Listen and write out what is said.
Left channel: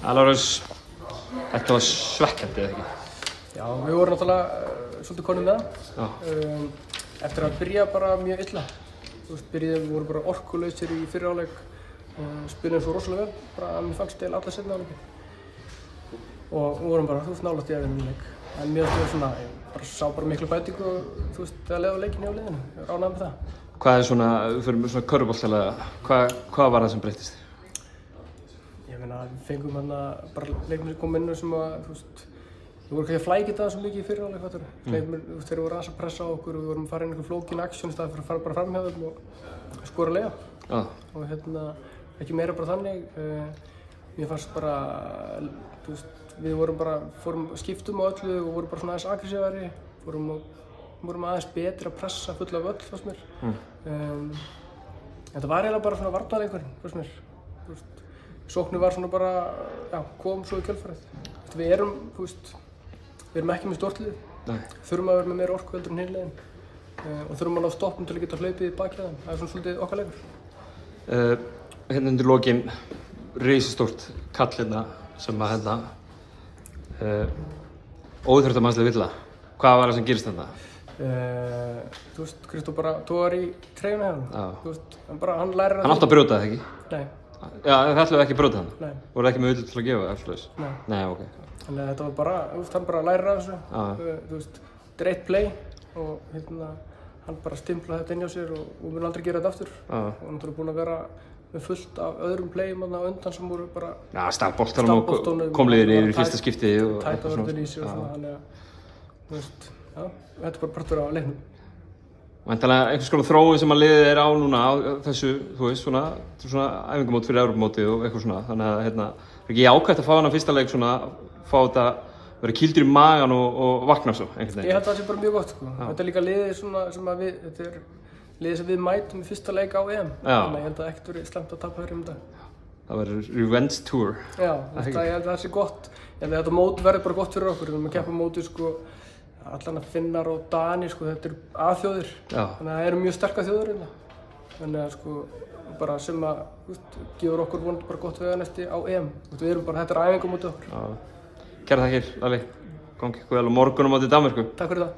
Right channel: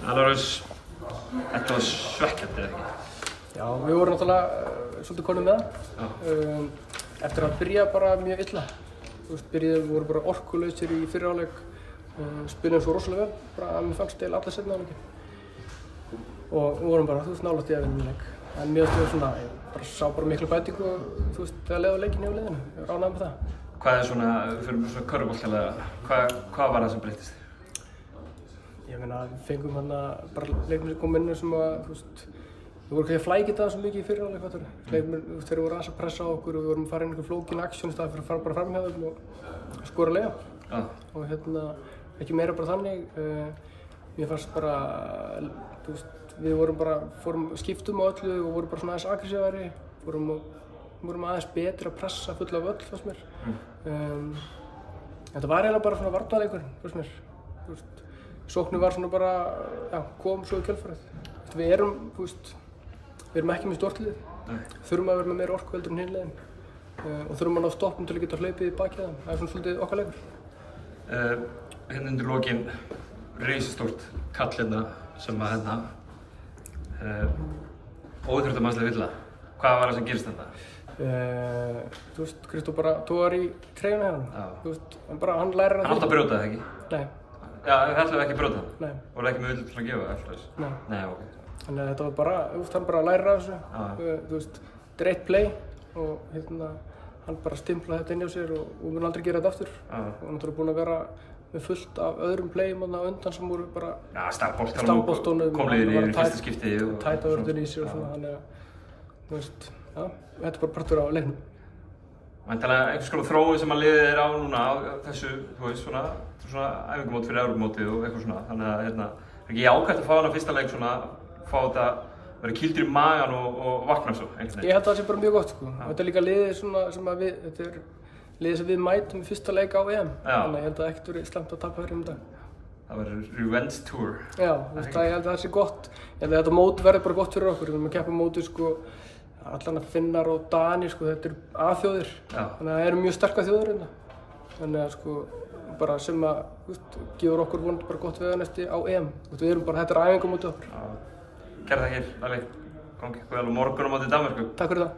Alvarez, þetta var svekkjandi eða ekki? Já, við vorum náttúrulega svolítið konum með það. Eftir að byrja bara mjög illa. Við vorum bara orkulausir í fyrri hálfleik. Spiluðum svo rosalega vel, bara að mér fannst eiginlega alla seinni hálfleikinn. Og við vorum bara, nálægt í að vinna leik. En mér finnst svona, ég bara sá bara miklu bætingu, þegar leið á leikinn hjá liðinu. Ég var ánægður með það. Hvað er svona, við fyrir svona körfuboltalega, hvað var það sem breyttist? Ég meina, við fengum hérna bara leikmenn sem kom inn sem að, við vorum kannski að flækja það svo mikið í fyrri hálfleik, fattarðu. Leikmenn, þeir voru aðeins að pressa á okkur og við vorum að fara inn í einhver flókin aksjón í staðinn fyrir að fara bara fram hjá þeim og skora leiða. Og ekki meira bara þannig. Mér fannst bara, við vorum bara, skiptum á öllu og vorum bara svona aðeins aggressívari. Vorum aðeins betri að pressa fulla af öll, fannst mér. Þetta var eiginlega bara svona varnarleikurinn, fannst mér. Sóknin var svona bara, já, kom svo í kjölfarið. Við erum ekki með stórt lið. Þurfum að vera með meira orku heldur en hin liðin. Og þurfum að ná stoppum til að geta hlaupið í bakið þeim. Það er svona svolítið okkar leikur. Hérna undir lokin, risastórt kall hérna sem að óþurftamannslega villa. Hvað var það sem gerist þarna? Kristó bara tógar í treyjuna hjá hann. Hann lærir að hann átti að brjóta það, ekki? Nei. Já, það ætlaði ekki að brjóta það? Nei. Voru ekki með auðvitað til að gefa það eftir þess? Nei. Nei, ok. Þannig að þetta var bara, hann bara lærir að þessu. Þetta er eitt play og hann bara stimplaði þetta inn hjá sér og mun aldrei gera þetta aftur. Og hann er búinn að vera með fullt af öðrum playum á undan sem voru bara stafboltanum, kom liðir í fyrsta skipti tæta vörðin í sig og svona, þannig að þetta er bara partur af leiknum. Væntanlega einhvers konar þróun sem að liðið er á núna á þessu, svona æfingamót fyrir Evrópumótið og eitthvað svona, þannig að er ekki ákvæmt að fá hana fyrsta leik svona, fá þetta vera kýldur í magan og vakna svo einhvern veginn. Ég held að það sé bara mjög gott, sko. Þetta er líka liðið svona sem að þetta er liðið sem við mætum í fyrsta leik á EM. Þannig að ég held að ekkert verið slæmt að tapa fyrir dag. Það verður revenge tour. Já, ég held að það sé gott. Ég held að þetta mót verður bara gott fyrir okkur. Við erum að keppa mótið, sko, allan að Finnar og Danir, sko, þetta eru A-þjóðir. Þannig að það eru mjög sterkar þjóðir hérna. Þannig að, sko, bara sem að, gefur okkur vonandi bara gott veganesti á EM. Við erum bara, þetta er æfingamótið okkur. Kærar þakkir, Lalli. Gangi ykkur vel á morgun á móti Danmörku. Takk fyrir það.